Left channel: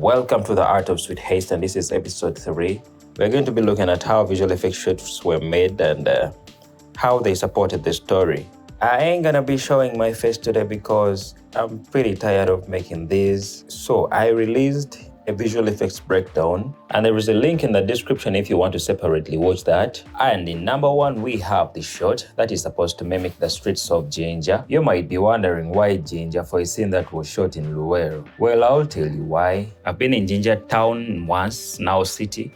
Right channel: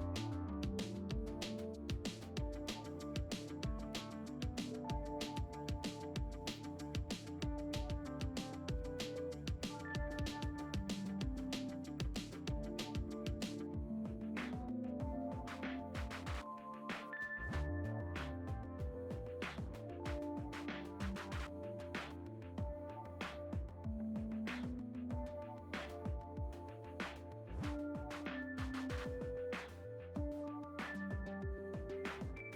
Welcome to the Art of Sweet HEIST, and this is episode 3. We're going to be looking at how visual effects shoots were made and how they supported the story. I ain't gonna be showing my face today because I'm pretty tired of making these. So I released a visual effects breakdown, and there is a link in the description if you want to separately watch that. And in number 1, we have the shot that is supposed to mimic the streets of Jinja. You might be wondering why Jinja for a scene that was shot in Luweero. Well, I'll tell you why. I've been in Jinja town once, now city,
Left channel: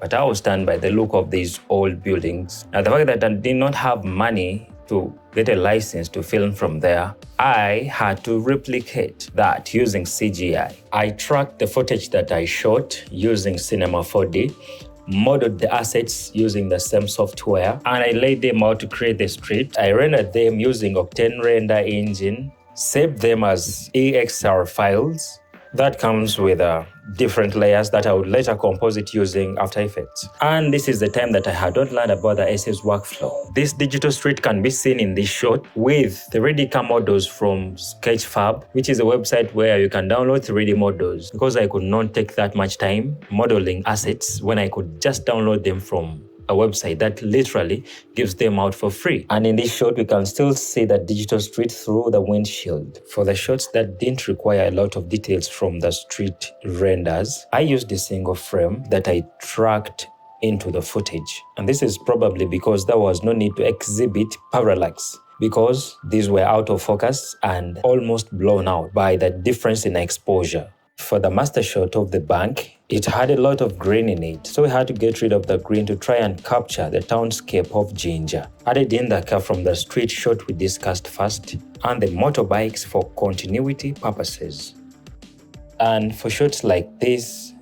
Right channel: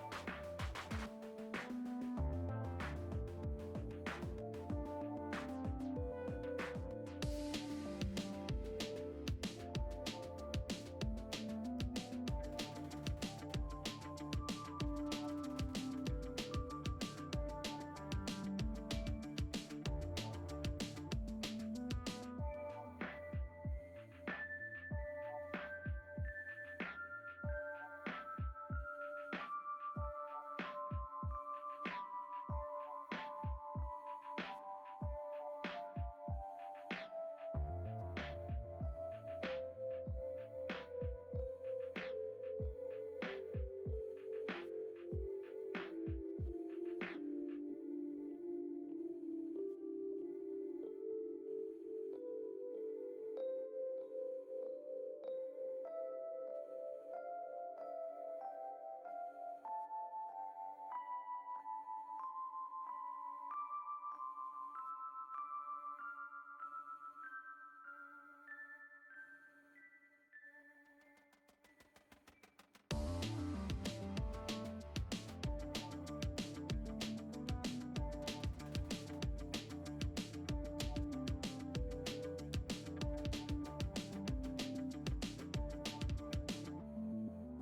but I was stunned by the look of these old buildings. Now, the fact that I did not have money to get a license to film from there, I had to replicate that using CGI. I tracked the footage that I shot using Cinema 4D, modeled the assets using the same software, and I laid them out to create the street. I rendered them using Octane Render engine, saved them as EXR files. That comes with different layers that I would later composite using After Effects. And this is the time that I had not learned about the SS workflow. This digital street can be seen in this shot with 3D CAM models from Sketchfab, which is a website where you can download 3D models. Because I could not take that much time modeling assets when I could just download them from a website that literally gives them out for free. And in this shot, we can still see the digital street through the windshield. For the shots that didn't require a lot of details from the street renders, I used a single frame that I tracked into the footage. And this is probably because there was no need to exhibit parallax, because these were out of focus and almost blown out by the difference in exposure. For the master shot of the bank, it had a lot of green in it, so we had to get rid of the green to try and capture the townscape of Jinja. Added in the car from the street shot we discussed first, and the motorbikes for continuity purposes. And for shots like this,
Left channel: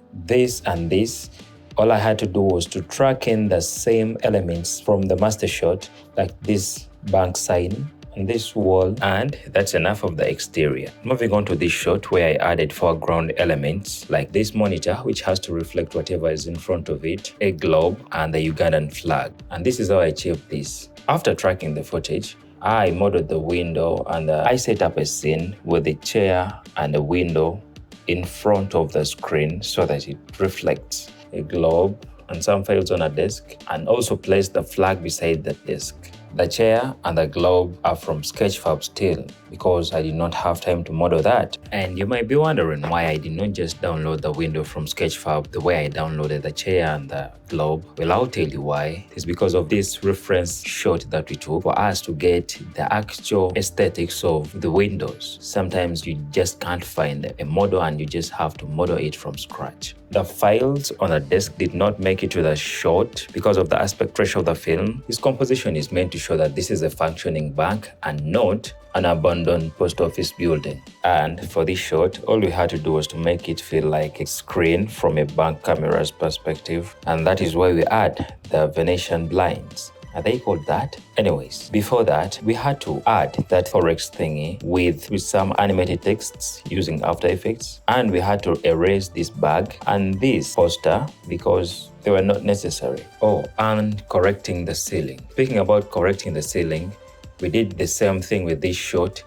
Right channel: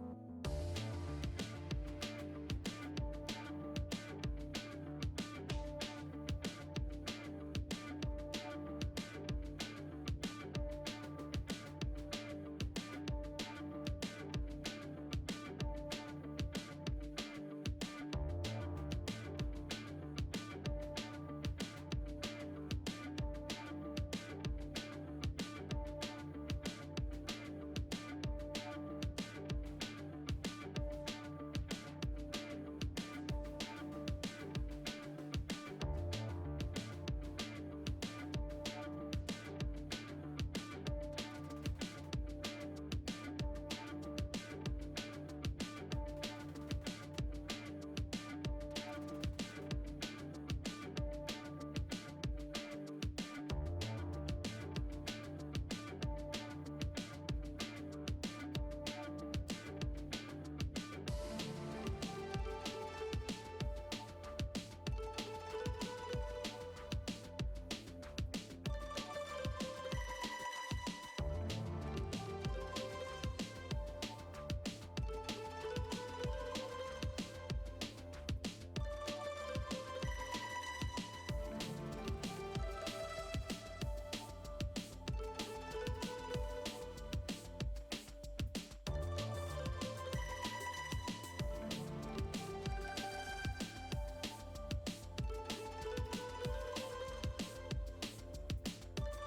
and this, all I had to do was to track in the same elements from the master shot, like this bank sign, and this wall, and that's enough of the exterior. Moving on to this shot where I added foreground elements like this monitor, which has to reflect whatever is in front of it, a globe, and the Ugandan flag. And this is how I achieved this. After tracking the footage, I modeled the window, and I set up a scene with a chair and a window in front of the screen so that it reflects a globe and some files on a desk, and also placed the flag beside the desk. The chair and the globe are from Sketchfab still, because I did not have time to model that. And you might be wondering why I did not just download the window from Sketchfab the way I downloaded the chair and the globe. Well, I'll tell you why. It's because of this reference shot that we took for us to get the actual aesthetics of the windows. Sometimes you just can't find a model and you just have to model it from scratch. The files on the desk did not make it to the shot because of the aspect ratio of the film. This composition is meant to show that this is a functioning bank and not an abandoned post office building. And for this shot, all we had to do was to make it feel like a screen from a bank camera's perspective, and that is why we add the Venetian blinds. Are they called that? Anyways, before that, we had to add that forex thingy with some animated texts using After Effects, and we had to erase this bag and this poster because they were not necessary. Oh, and correcting the ceiling. Speaking about correcting the ceiling, we did the same thing with this shot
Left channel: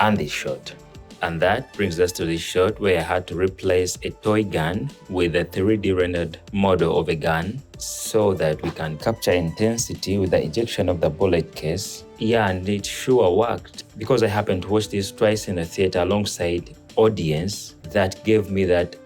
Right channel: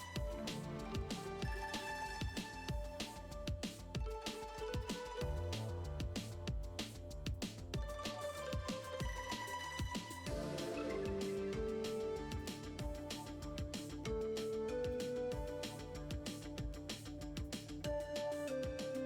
and this shot. And that brings us to this shot where I had to replace a toy gun with a 3D rendered model of a gun so that we can capture intensity with the ejection of the bullet case. Yeah, and it sure worked, because I happened to watch this twice in the theater alongside audience that gave me that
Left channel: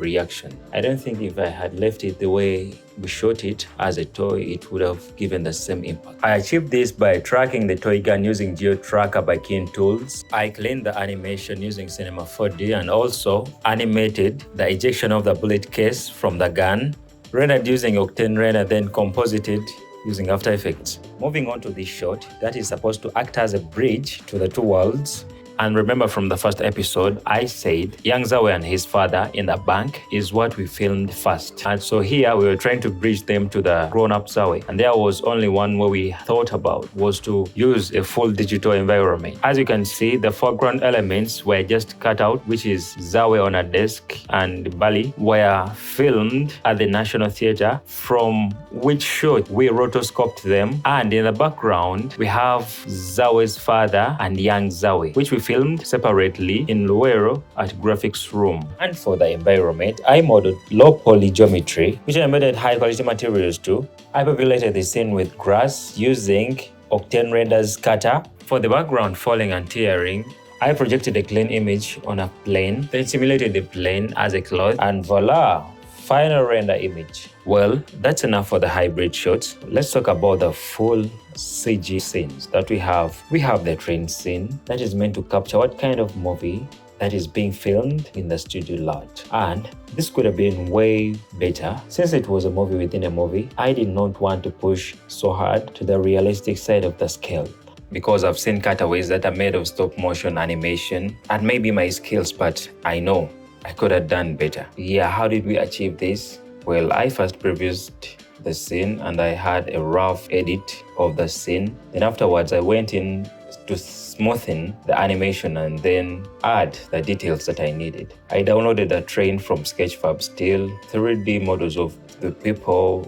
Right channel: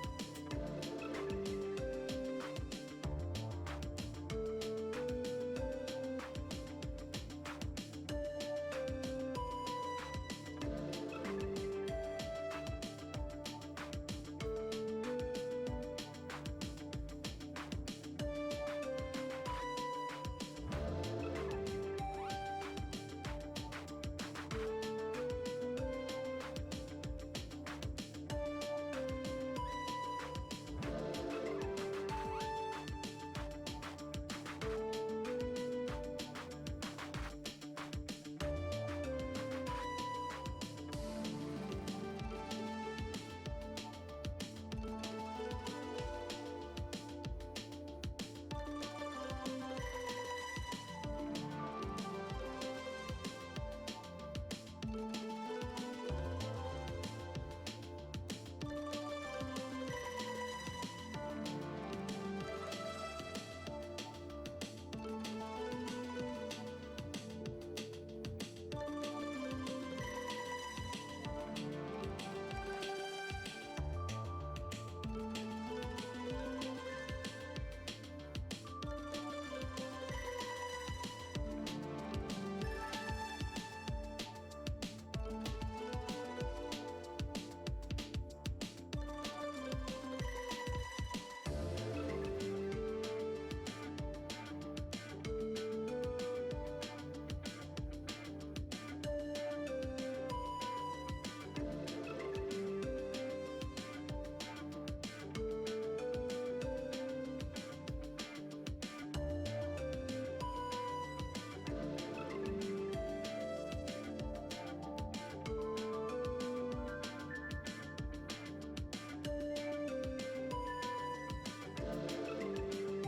reaction. I don't think if I had left it the way we shot it as a toy, it would have given the same impact. I achieved this by tracking the toy gun using GeoTracker by Keen Tools. I cleaned the animation using Cinema 4D and also animated the ejection of the bullet case from the gun, rendered using Octane Render, then composited using After Effects. Moving on to this shot that is supposed to act as a bridge to the two worlds. And remember from the first episode, I said young Zawe and his father in the bank is what we filmed first. And so here we were trying to bridge them to the grown-up Zawe. And there was only one way we thought about was to use a full digital environment. As you can see, the foreground elements were just cut out, which is Zawe on a desk and Bali were filmed at the National Theatre, from which shot we rotoscoped them. And in the background, we have Zawe's father and young Zawe, which we filmed separately in Luero at graphics room. And for the environment, I modeled low poly geometry, which I embedded high quality materials too. I populated the scene with grass using Octane Render's scatter. For the background falling and tearing, I projected a clean image on a plane, then simulated the plane as a cloth, and voila! Final render image. Well, that's enough for the hybrid shots. Let's talk about the full CG scenes that we have. We have the train scene that is meant to capture what kind of movie that is being filmed in the studio lot. And this could have been way better. Since it was a movie within a movie, I did not want to push so hard to the realistic side of the scale, because I've seen cutaways that are made of stop motion animation and maybe my skills, but I know I could have done better. Yeah, how did we achieve this? Well, I first previewed the scene and I had a rough edit of the scene. Then afterwards, I went in to smoothen the animation and then add the details that I needed. I downloaded a train from Sketchfab still, 3D models of the people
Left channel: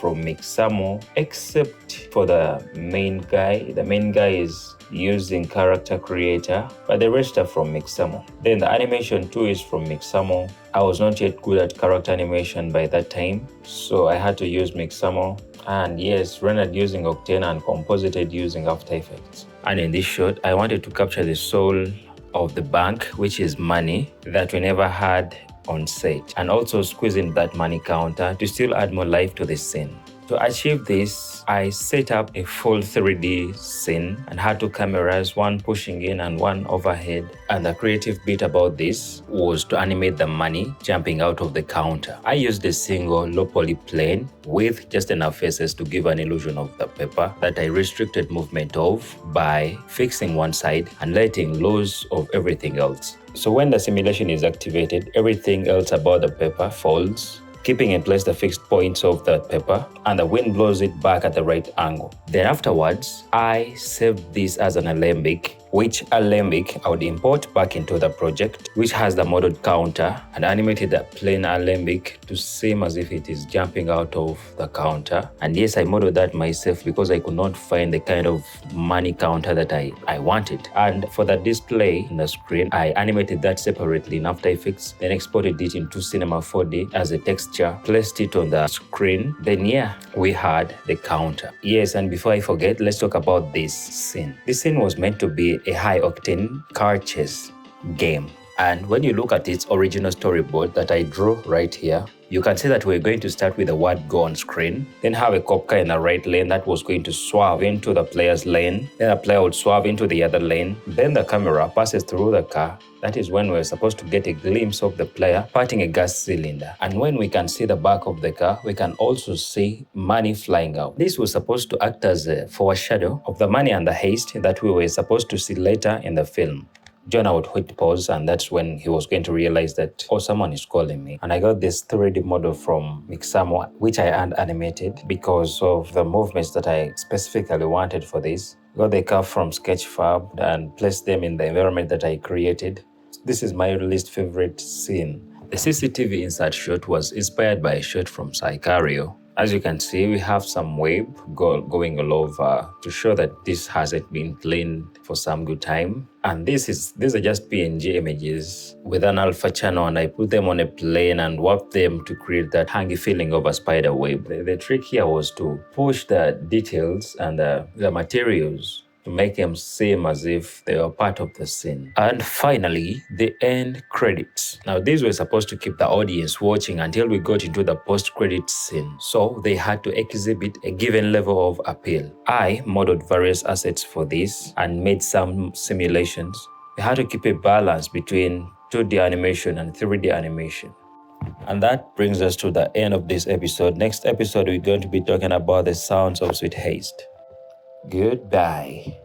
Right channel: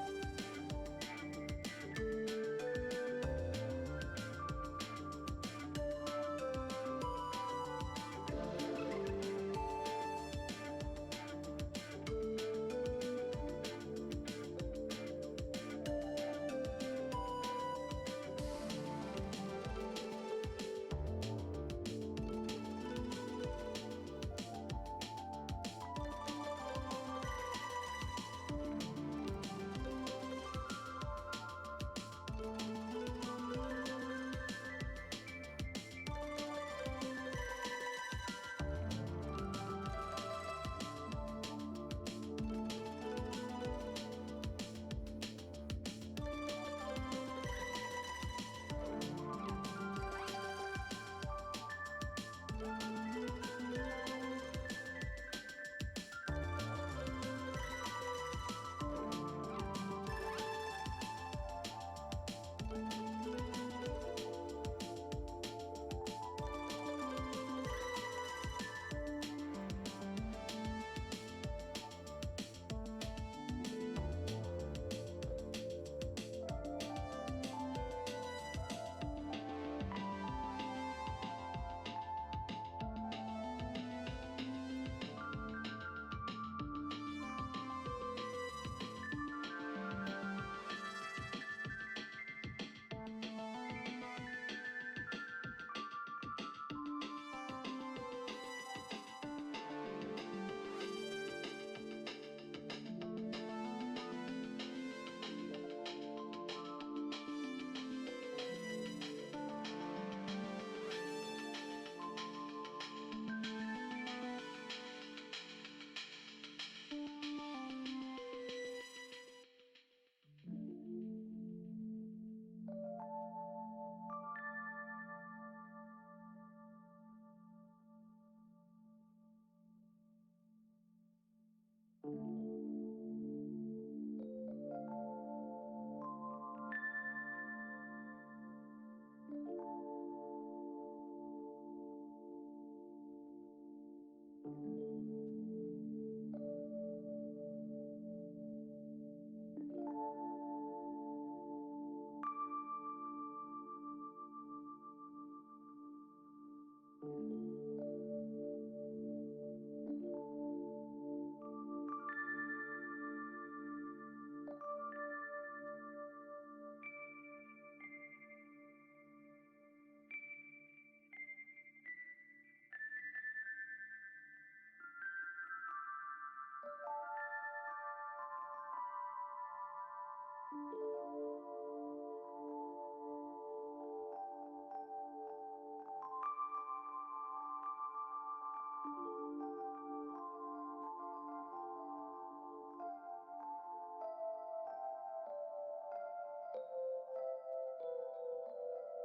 from Mixamo, except for the main guy. The main guy is using character creator, but the rest are from Mixamo. Then the animation too is from Mixamo. I was not yet good at character animation by that time, so I had to use Mixamo. And yes, rendered using Octane and composited using After Effects. And in this shot, I wanted to capture the soul of the bank, which is money that we never had on set, and also squeeze in that money counter to still add more life to the scene. To achieve this, I set up a full 3D scene and had two cameras, one pushing in and one overhead. And the creative bit about this was to animate the money jumping out of the counter. I used a single low poly plane with just enough faces to give an illusion of the paper that I restricted movement of by fixing one side and letting loose of everything else. So when the simulation is activated, everything else about the paper folds, keeping in place the fixed points of that paper, and the wind blows it back at the right angle. Then afterwards, I saved this as an alembic, which alembic I would import back into the project, which has the modeled counter, and animated the plain alembic to seem as if it is jumping out of the counter. And yes, I modeled that myself because I could not find the kind of money counter that I wanted. And for the display in the screen, I animated that separately in After Effects, then exported it into Cinema 4D as a texture, placed it on the screen. Then yeah, we had the counter. Yes, and before I forget, let's talk about this scene. This scene was meant to be a high-octane car chase game. And when you look at its original storyboard that I drew right here, you can see that we're going to start with the word go on screen, then have a cop car in the right lane that was going to swerve into the player's lane, then the player would swerve into the other lane, then the camera passes through the car. That is when we're supposed to get a glimpse of the player parting a gas cylinder. And when we can see the back of the car, we can also see money flying out. This was supposed to act as a foreshadow of the money and the heist that we were supposed to see later in the film. Jonah would hit pause, and that's when he was going to realize that, oh, someone is calling me. And I got this 3D model from Mixamo, which I had animated because of the movements that I specifically wanted for this. Got the car from Sketchfab and placed them in the environment that I created. This is my least favorite scene. The CCTV insert shot was inspired by a shot from Sicario. As you can see, we have some wave going all over to show that this hasn't been cleaned for some good time. And these are just PNG images with an alpha channel, and I put them on a plane and warped them to create that hangy feeling of a spider web. The trick here was to push the details and the materials to make them seem as if they were part of the scene. And finally, the end credits. Now, these were supposed to keep the audience watching until we got into the post-credit scene. So they had to exhibit a given level of appeal. I modeled various assets for this and made some simulations. We had to keep a balance between 2D animation and 3D animation. And that brings us to the end of this episode. Next episode, we're going to be talking about the sounds of Sweet HEIST. Goodbye.